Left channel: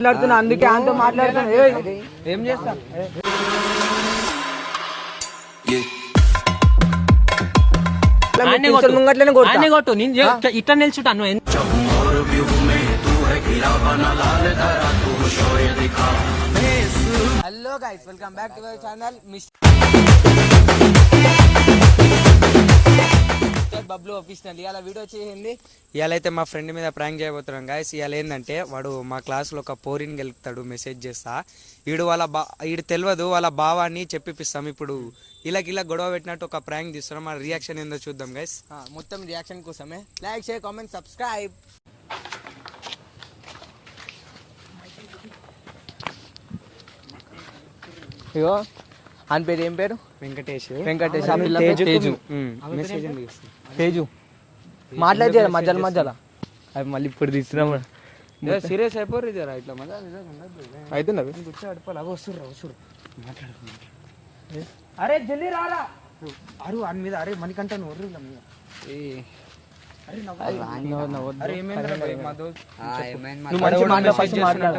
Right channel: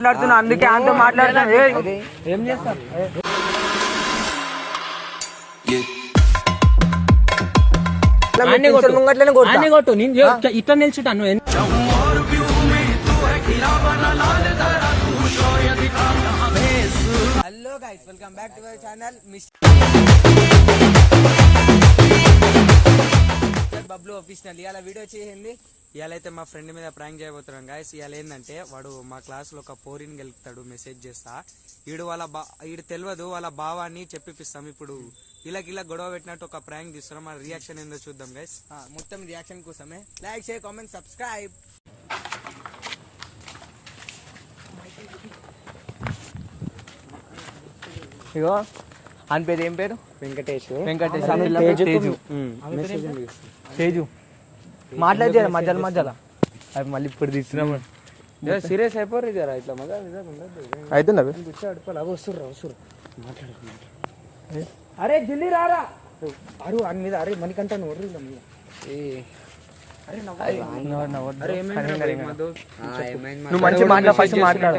మాట్లాడుతున్నా అందుకే అంత మాట్లాడుతాను. ఏం చేస్తా కొట్టు ఇట్లా నిల్చుంటాను. Hello guys, welcome back to our channel Bablu official. ఇవాళ వీడియో చేసింది. ఇవాళ అయితే మా ఫ్రెండ్ మీద ప్రాంక్ చేయబోతున్నాం గాయస్. ఇవాళ ఏంటంటే వాడు మా క్లాస్లో ఒక పోరిని గెలుపుతాడు, మెసేజ్ చేస్తా. వీడు తెలియదు వాళ్ళ భావాన్ని చెప్పిస్తాం. ఇప్పుడు ఇలా గొడవ పెట్టినట్టు ఒక ప్రాంక్ తీస్తున్నాం. మన రియాక్షన్ ఏందో చూద్దాం గైస్. మొత్తం రియాక్షన్ కోసమే లైక్, షేర్, కామెంట్, సబ్స్క్రైబ్. ఇగో అని పేరు ఏం పేరు? వెంకటేష్. తేజు మాట్లాడే మధ్యలో అవి మళ్ళీ ఇప్పుడు తీసుకున్నాము. సీరియస్ అయిపోరు ఇట్లా అవుతుందా? అరే జల్దీ రారా అరు అని మీద. అరే మనకంటా నువ్వు మంచి మాట్లాడు, ఫస్ట్ మాట్లాడు.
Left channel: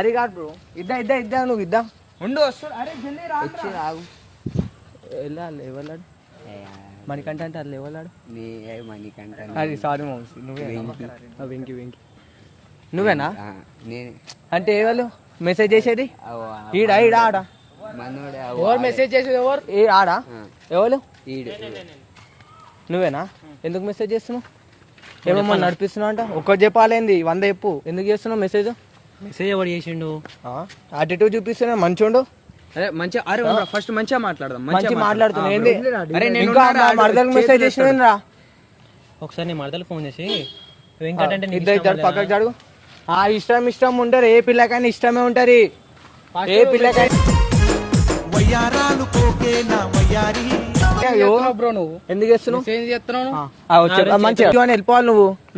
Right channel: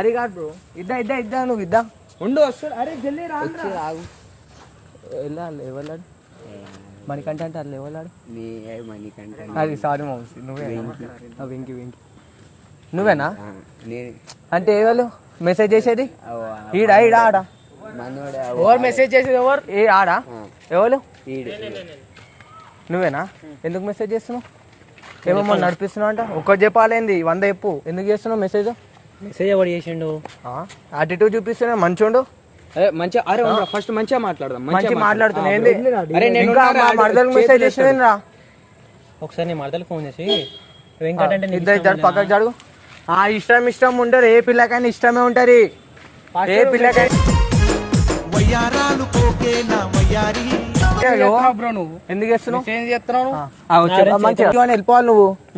అరే కాదు బ్రో, ఇద్దా నువ్వు ఇద్దా ఉండు. అరే జల్దీ రాగు. వెళ్ళాలి ఎవరు మణికంఠ అంటే అట్లా ఎవరు? అది సారీ మౌసి. వెంకి నువ్వేనా? అంటే ఎవరు మెసేజ్ చేసేది? ఈడా ఆడా? ఎవరు మెసేజ్ చేసేది? ఎవరు ఆడా? ఎవరు? నువ్వేనా? ఎందుకు మెసేజ్ చేస్తున్నావు? ఏమేమో నడిపిస్తున్నావు అంట. ఒక్కటి చెప్పాలేంది, 100 చెప్పు. ఎందుకు చేస్తున్నావు మెసేజ్? మెసేజ్ ఎవరు చేసిండు? యాటిట్యూడ్ చూపిస్తున్నా. మంచోండు మంచిగా. అరే ఫస్ట్ మంచిగా మాట్లాడదాం. మంచిగా మాట్లాడుతున్నా. మెసేజ్ చేసిన ఒకసారి నీ మరదలు ఫోన్ చేసి ఇద్దరు పక్కకు జరుగు. ఇష్టం ఉంటారు. ఏ పిల్లకైనా ఇష్టమే ఉంటారు. ఏ పిల్లకైనా ఎందుకు చేస్తున్నావు? వెళ్ళిపోవాలి.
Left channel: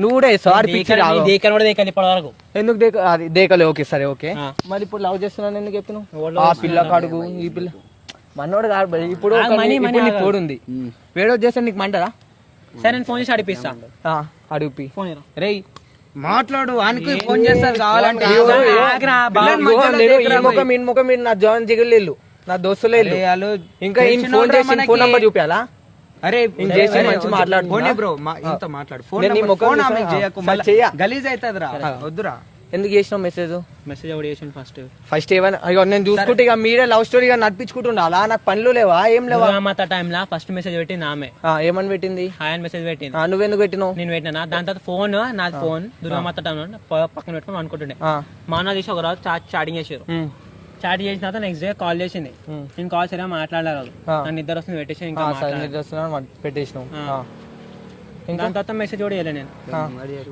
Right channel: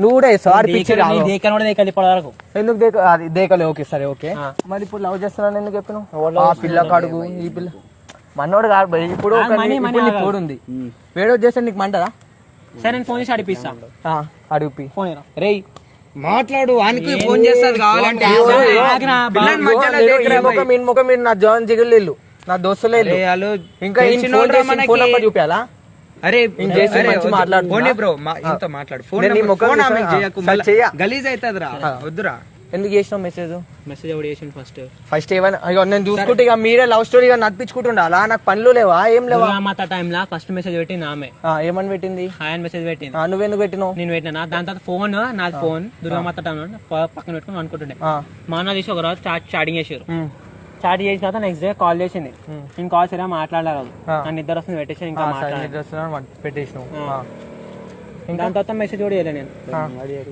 నువ్వు కూడా ఎందుకు దేకలే? ఓకే సరే ఓకే. మరి ఇప్పుడు లవ్ చేస్తున్నాను ఎందుకు చెప్పినావు? ఆ పిల్ల కడుగు, ఈ పిల్ల మనోడు కాదు. ఇప్పుడు ఇప్పుడు ఉంది వేడో చేస్తే నీకు మంటదా? సరే నేను ఫోన్ చేసి అడిపిస్తా. అడిపి రే మాట్లాడు. అనుకు ఫోన్ చేస్తారు కావాలంటే. మీరు నా జవాన్ జిగులు, నా దోస్తులే. ఇంకా ఫోన్ చేసి ఫోన్ నెంబర్ చూపించాలా? అరే మాట్లాడు బ్రో, మాట్లాడు. గలీజ్ అవుతుందిరా, వద్దురా. ఎందుకు చేసినావు మెసేజ్? మెసేజ్ ఎవరు చేసిన? ఫస్ట్ ఏమైనా నేను చూసుకుంటే ఇక మీరే లవ్ స్టోరీ నడిపించుకుంటుండాలా? నాకు పనులు లేవా? ఏం లేవా? టైంలో ఫస్ట్ మెసేజ్ పెట్టింది ఆమె. ఏమని పెట్టింది? ఆయన మెసేజ్ పెట్టింది. నువ్వెందుకు పెట్టినావు? నేను పెట్టినా. దాని తర్వాత ఫోన్, నాది ఫోన్ దుర్గామాత టైంలో పక్కన పెట్టుకుని అనుకుంటుండే. మా అన్న తీసి ఒక రోజు చాటింగ్ చేసారు. చాటింగ్ చేసిన తర్వాత నెక్స్ట్ డే కాల్ చేసింది. నేను కాల్ సరిగా మాట్లాడాలి. నన్ను ఇద్దరు వస్తుంది పెట్టేసి ఇంకా పెట్టేసిన. దాని తర్వాత మెసేజ్ కూడా చేయలేదు నేను.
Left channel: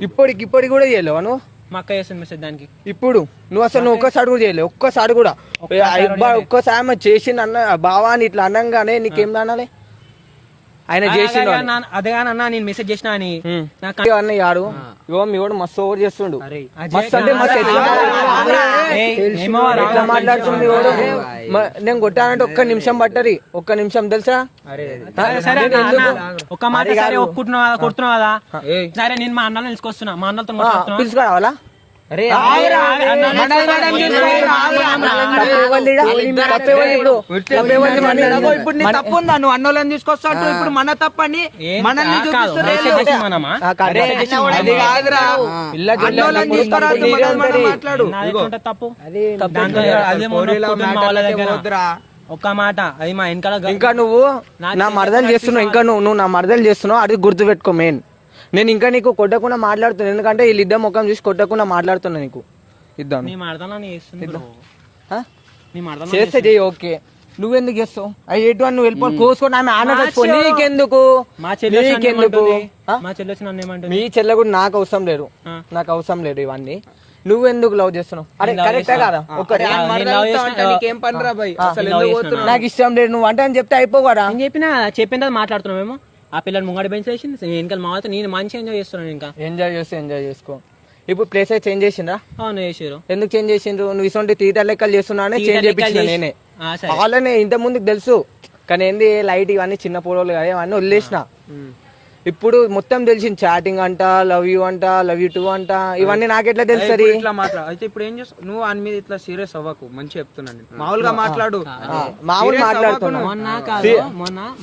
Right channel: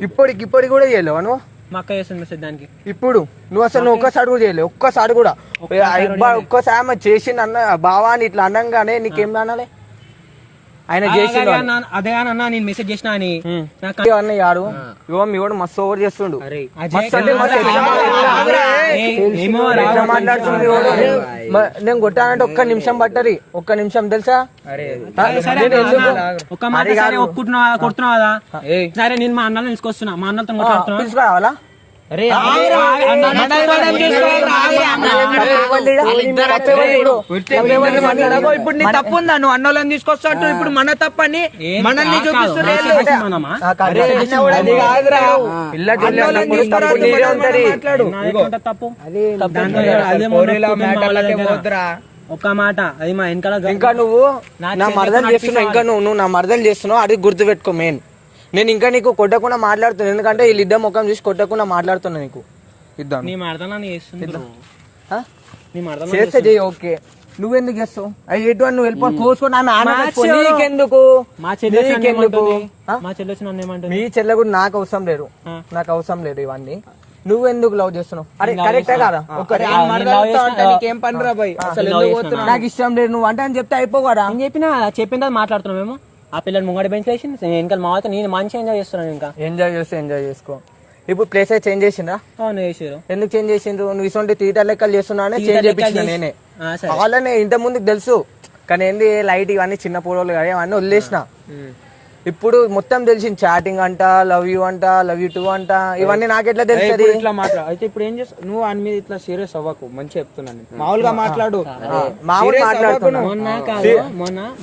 ఇప్పటికి కూడా చేయలేవా నువ్వు? మా అక్క చేస్తుంది మెసేజ్ దానికి. ఇప్పుడు నువ్వు అసలు ఒక్కసారి కూడా చేయలేవు. ఒక్కసారి కూడా ఒక్కసారి చేసింది అన్న భావాన్ని ఇట్లా అనంగానే నీకేం అనాలి? ఆయన చేసి అదే అన్న నేను మెసేజ్ చేసిన అని అన్నయ్యాడు. ఇవో మీ వాడు మస్తు ఓవర్ చేస్తుండు. నేను కొట్టానంటే 1 నిమిషం పట్టది. 1 నిమిషం తెలుసా? కొడుతున్నావు కదా. సరే నేను మా అన్నలో తీసుకొస్తున్నా. మా అన్నతో తీసుకురావాలా? ఇప్పుడు నీ తప్పు ఉందా? నువ్వు అన్నోళ్ళని తీసుకొస్తావు. ఇప్పుడు మన తప్పని మనల్ని ఒక్క మాట. అది మా వెనకాల ఇంకా నువ్వు నా మరదలు చేస్తున్నావు. ఇంకా నువ్వు నా మరదలు చేస్తున్నావు. అది గుర్తు పెట్టుకో. మెయిన్ నేను ఇంకా నీకు కొట్టకుండా మాట్లాడుతున్నా. ఎందుకంటే వీళ్ళిద్దరు ముఖం చూసి కొట్టకుండా మాట్లాడుతున్నా. నీకు ఇద్దాం చేస్తే చెయ్యి. ఓకే నువ్వెందుకు చేస్తావు? నువ్వు వెళ్ళిపో కోసుకొని నీకెందుకు? మీ చెల్లె కూడా నాకు అవసరం లేదు ఇవన్నీ. నువ్వెందుకు లవ్ చేస్తున్నావు? అరే కరెక్టా కాదా? నీకేం పని రా భయ్? నాకు ఇష్టం లేదు నువ్వు అంటే అని చెప్తే అయిపోవారా? చెప్పిందా మాట్లాడుతున్నావు మేము. ఆ పిల్లలు ముంగడి బెంచ్ వేసి వెనకాల మా నేను మంచిగా ఎంజాయ్ చేస్తున్నాను. ఇంకా ఎంజాయ్ చేసుకో. ఇప్పుడు ప్లేస్ అయితే చేంజ్ చేసిండ్రా? చేసారు. ఎందుకు చేంజ్ చేసిండ్రు? నువ్వు ఇటువంటి థియేటర్ లెక్కలు చేస్తున్నా చేంజ్ చేయించిన నేనే. వాళ్ళనే ఇంత ముందుకు తెలుసు. కానీ ఏంది లైట్ ఇవన్నీ చిన్న పొడవులు కదా, ఇవన్నీ వదిలేసిన. ఇప్పుడు మొత్తం తెలిసింది, చాటింగ్ అంట, లవ్ యూ అంట, లవ్ యూ టూ అంట, ఇవన్నీ నాకెట్లా తెలుస్తుంది? ఇట్లా మాట్లాడు. అయితే ఇప్పుడు ఏం చేస్తావు నువ్వు? అని మీద ఇట్లా సీరియస్ అవ్వకు, మంచి చెప్తున్నాను. మామూలుగా మాట్లాడు, మామూలుగా మాట్లాడుతున్నా.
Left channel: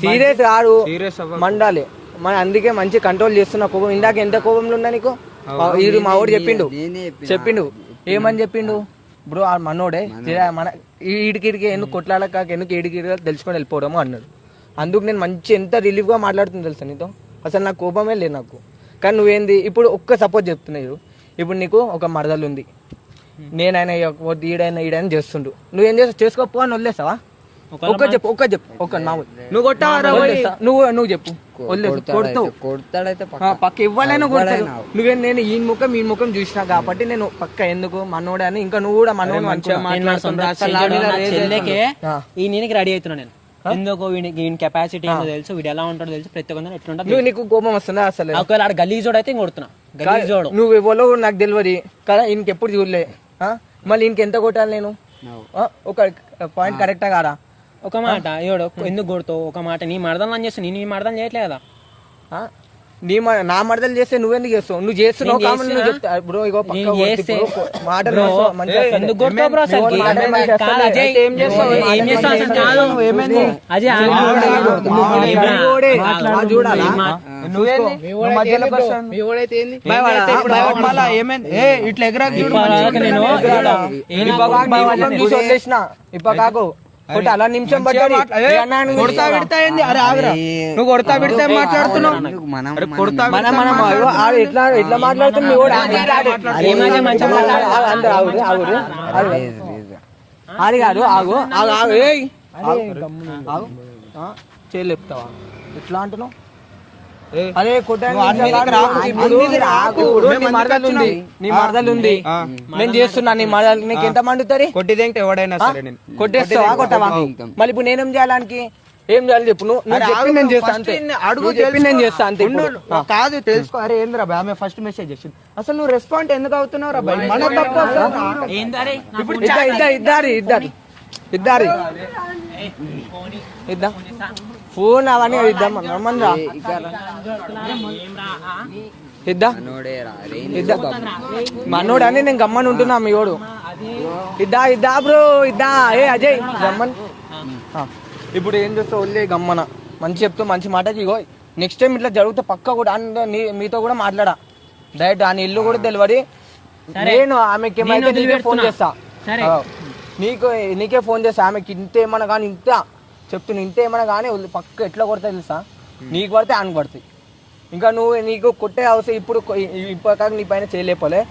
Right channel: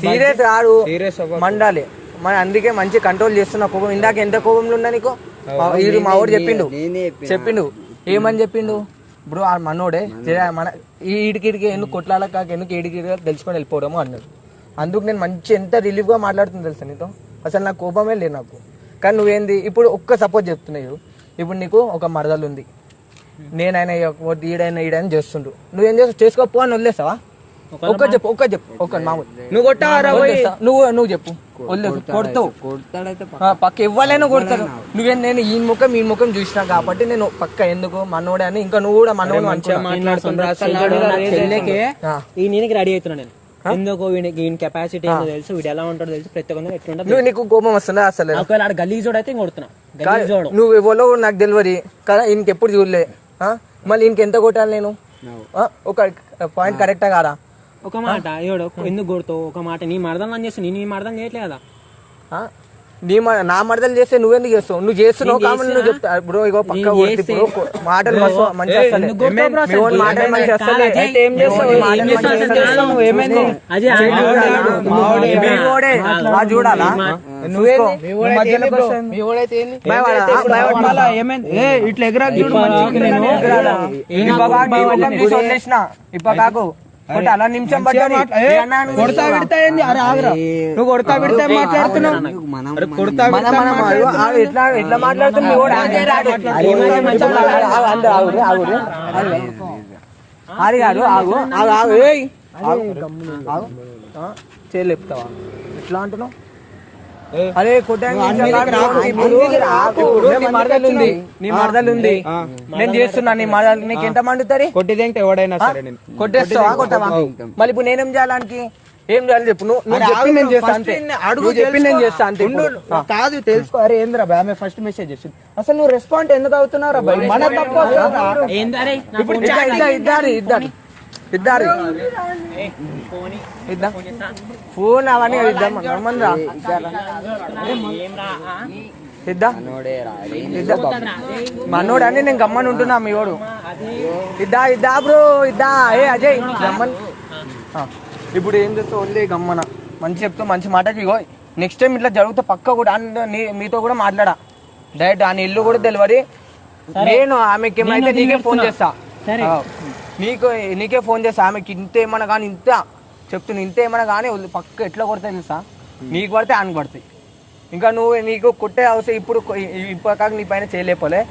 సీరియస్ కాదు, మండాలి. అందుకే మంచి కంట్రోల్ చేస్తున్నా కోపం. ఇందాక ఎంత కోపంలో ఉన్నా నీకు? మా వాడు చెప్పిండు ఏమని చెప్పిండు బ్రో, ఆ మనోడే మన ఈడికిడికి ఎందుకు కొట్లాల కాక ఎందుకు ఈడికి తెలుసుకొని వెళ్ళిపోవడము అన్నాడు. అందుకు నేను మంచి ఎంత రిలీఫ్ గా మాట్లాడుతుంది తెలుసా నీతో. అసలు నాకు కోపమే లేదు నాకు. కానీ నువ్వేంది ఇప్పుడు ఒక్క సపోజ్ చెప్తున్నావు. ఇప్పుడు నీకు ఒక మరదలు ఉంది, నేనైనా ఈడైనా చేస్తుండు, నువ్వేం చేస్తావు? చేసుకోపో అని వదిలేస్తావా? ఒక్క చెప్పు మామూలు నువ్వు కొట్టావరా? నువ్వు చెప్పు, కొడతావు. పక్క ఇవ్వాలైనా కొడతారు. నేను ఈ ముఖం చూసినా కాబట్టి నేను పక్క ఎందుకు మనోడే అని, ఇంకా నువ్వు కూడా మనోడు ఈయనకి రెడీ అవుతున్నా నేను. ఎందుకు వీడి కెపాసిటీ ఏందో తెలుసు, వీడు ఎలా ఉంటాడో తెలుసు, ప్రతి ఒక్కరు ఎట్లుంటా. నువ్వు నీకు కోపం వస్తుందా? అసలు ఒకవేళ ఆడ గలీజోడు అయితే కొడుతున్నా. గలీజోడు నువ్వు ఎవరో నాకు తెలియదు కదా, ఇంకెప్పుడు చూడలే. మళ్ళీ ఇంకెంత కొట్టాలి నేను? ఒక పాయింట్ కరెక్టా కాదా? ఒక మాట ఏడు ఎందుకు కొడుతావు? ఒక మాట నీ మరదలు అని చేస్తావు, నీ మరదలు చేయట్లే కదా. నా మరదలు చేస్తే నువ్వెందుకు చేస్తావు? నువ్వు చేస్తున్నావు కాబట్టి నువ్వు చెప్తా బ్రో. ఇగో పక్క మాటలు మంచి చూడాలా? ఇట్లా ఎగరా ఇప్ప కాకు అలా నిమిషం పట్టాలి. కొడతా పెడతా నువ్వు కొడతా పెడితే మాట్లాడుతున్నావు. ఎట్లా మాట్లాడుతున్నావు? అది కాదు, ఆగు చేయలేపుతావా? ఎట్లా అంటున్నావు? అదే నీ మరదలు ఉంది, నేను చేస్తున్నా. నీ మరదలు నీకు ఎంత మండుతుంది? కొట్టేస్తావా? కొట్టవా? మళ్ళీ ఇప్పుడు నేనేం చేయాలానికి? ఏం చేయాలి చెప్పు. నువ్వు చెప్పి నేను చేస్తా అంతే. అడుగు చెప్పి నేను చేస్తా అంతే. కాదు తెలుసుకో. అరే ఏంద్రా బాయ్, ఆమె ఫస్ట్ మెసేజ్ చేసింది. అసలు నువ్వు రెస్పాండ్ ఎందుకు అవుతున్నారా బాయ్? మన తప్పు. ఇద్దరు ఇద్దాం ఫోన్ అవన్నీ ఇద్దాం. ఇద్దాం మనోడు అని నేను గమ్మని ఉంటున్నా. మీ వాడు ఇద్దా బ్రో ఇద్దా. ఏ అజయ్ గమ్మన్. ఇప్పుడు ఏం చేస్తావు? వదిలే గమ్మన. మంచి చెప్తే మంచి మాటకి. ఇగో నెక్స్ట్ టైం ఇట్లా జరిగితే పక్క కూడా మీతో కూడా మాట్లాడా. డైరెక్ట్ ఆయన ఇల్లు కూడా తెలియదు. నేను ఆమెకి ఏమైతే నీకే ఫోన్ చేస్తా, నీకే ఫోన్ చేస్తా. ఆమెకి ఇంత ఏమన్నా కానీ, ఇంత చెప్తున్నా, ఇంత ఏమన్నా కానీ పక్క ఎట్లా కొడతాయి తెలుసా? నీకు పడితే ఆయన పడతాయి. ఇంకా నీకు కొట్టే అవసరం ఇప్పుడు కాక నీ పైన చేయలేపోలే.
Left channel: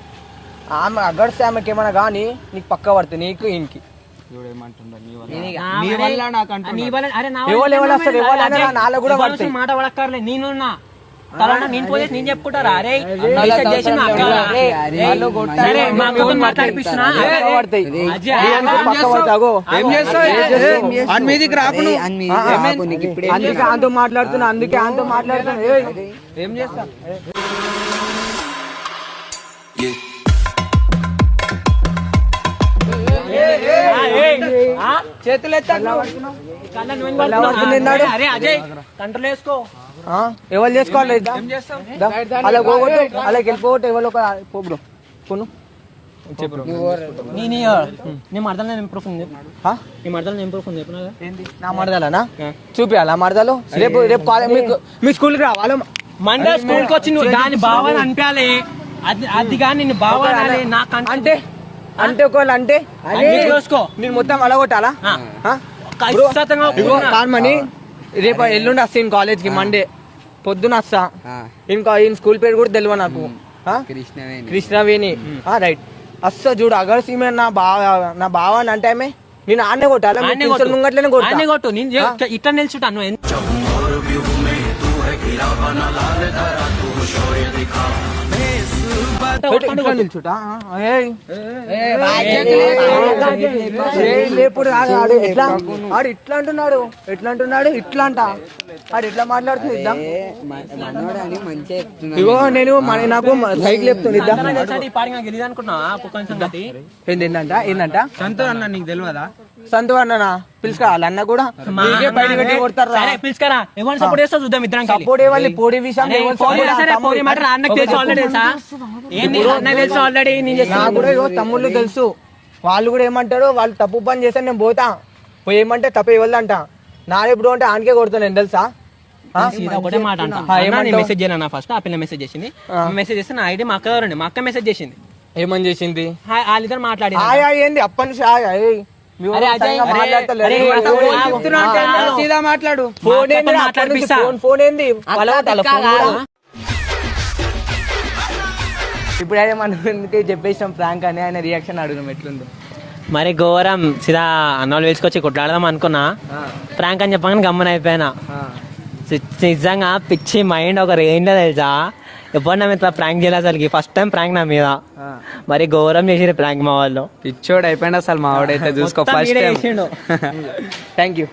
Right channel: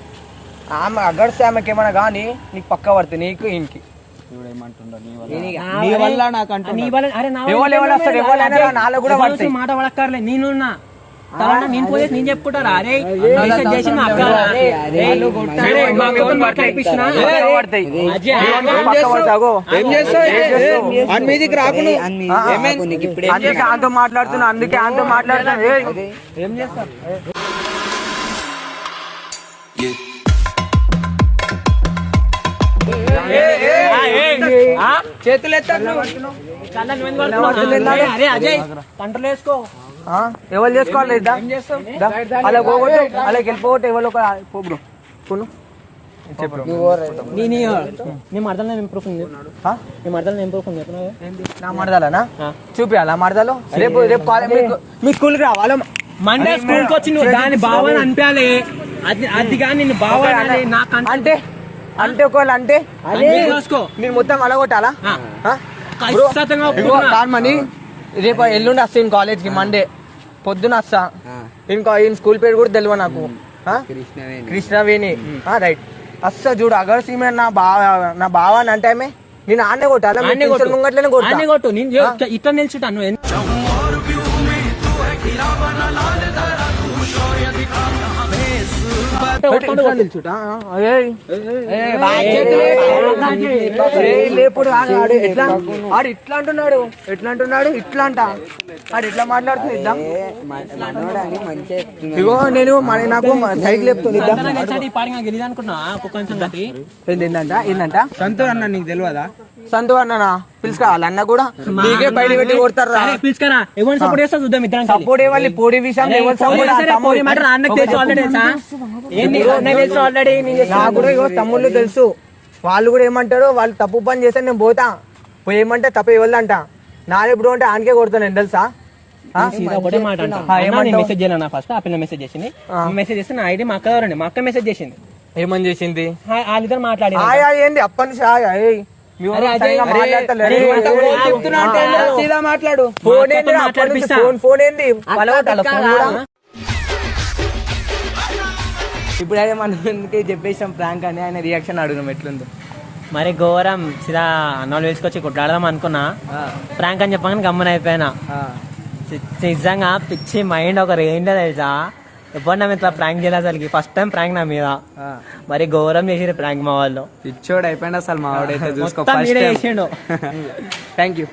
ఆమె అగడిస్తే ఆమెకి ఏమన్నా కానీ నీకు పక్క పడుతుంది, నీకు ఈయనకి. మాట పడక్కర్లే. నేనున్నా నేను చెప్పుకుంటారా? అరే అంతో మాట్లాడుతున్నా, అందుకే అంతో మాట్లాడుతున్నా. ఏం చేస్తా? చేతులు ఎత్తాడు. కంట్రోల్ వేసుకో. ఎవరు చేసుకోవాలి? అలా పోగొట్టు, అలా వెళ్ళిపోగొట్టు. ఎవరు ఒక పోబ్రో కొను నా మరదలేనా? చూపియాలా మరదలు? రేపు మీ స్కూల్కి రావాలా? మండే స్కూల్కి వచ్చి నువ్వు దాని బావని అనిపించాలి. అది కానీ అంటే అంటే ఒకవేళ అంటే నేను మొత్తం అలా కొట్టాలా? కామని రేపు ఎల్లుండి వస్తా ఈయన కాలేజ్కి. మండే పొద్దున వస్తా. ఇంకా ఈయన స్కూల్ పేరు కూడా తెలియదు నాకు. కృష్ణవేణి. రైట్ వస్తా. చూడు అగర్ సీమే నా బావ అని అంటే నేను ఆడనే కొట్టాలా? ముంగట్లనే కొట్టు. ఇట్లా నిల్చుంటాను. ఎట్లా నిల్చుంటా? ఏయ్. లేపుడు ఆడు ఎట్లా ఆడు ఇట్లా అంటున్నాడు ఇట్లా అంట ఆడు ఎట్లా మాట్లాడుతుంది ఇద్దాం ఇగో నేను నాకు సైకిల్ చెప్తుంది ఏంటంట సంతు అన్న నీకు తెలియదా సంతు అన్ననా పిలుచుకోవాలి అన్న కూడా నీకే బయట పెట్టి కొడతారు సపోర్ట్ ఇవ్వాలి పొడి విషయం నాకు కూడా ఇగో తమ్ముళ్ళు తెలుసు వాళ్ళు కూడా ఏమంటారు వాళ్ళు తప్పు పని చేస్తే నేను పోతా పోయి ఏమంటే తప్పు ఇవ్వదంట నాలుగు అంటే ఆనకే కొడతాను నేను తెలుసా మెసేజ్ చేయను ఫస్ట్ ఆ పిల్ల మెసేజ్ చేసింది మెసేజ్ చేస్తే నా ఐడి మా అక్క దగ్గర మా అక్క మెసేజ్ చేసింది ఏమని చేసింది వాళ్ళిద్దరు మాట్లాడి ఏంది అప్పటి నుంచి మాట్లాడు ఫోన్ ఏంది ఇప్పుడు అదే మనం చెప్పేసాం ప్రాంక్ అని ఆయన రియాక్షన్ అడుగుదాం ఎట్లుందో మరి ఘోరం సీదా అన్నాలు వేసుకొచ్చి కొట్లాడదాం అనుకున్నా ప్రాంక్ అని చెప్పగానే గమ్మన అయిపోయినా నిజంగా పిచ్చి మైండ్ ఒక రేంజ్ తెలుసా ఎప్పుడు నా మీద ప్రాంక్ చేయలేదు అసలు ఫస్ట్ టైం ప్రాంక్ నా మీద మరి ఘోరం చేసిరు ప్రాంక్ మా వాళ్ళు పిచ్చోడు అయిపోయింది అసలు మా వాడైతే చూసుకో థ్యాంక్ యూ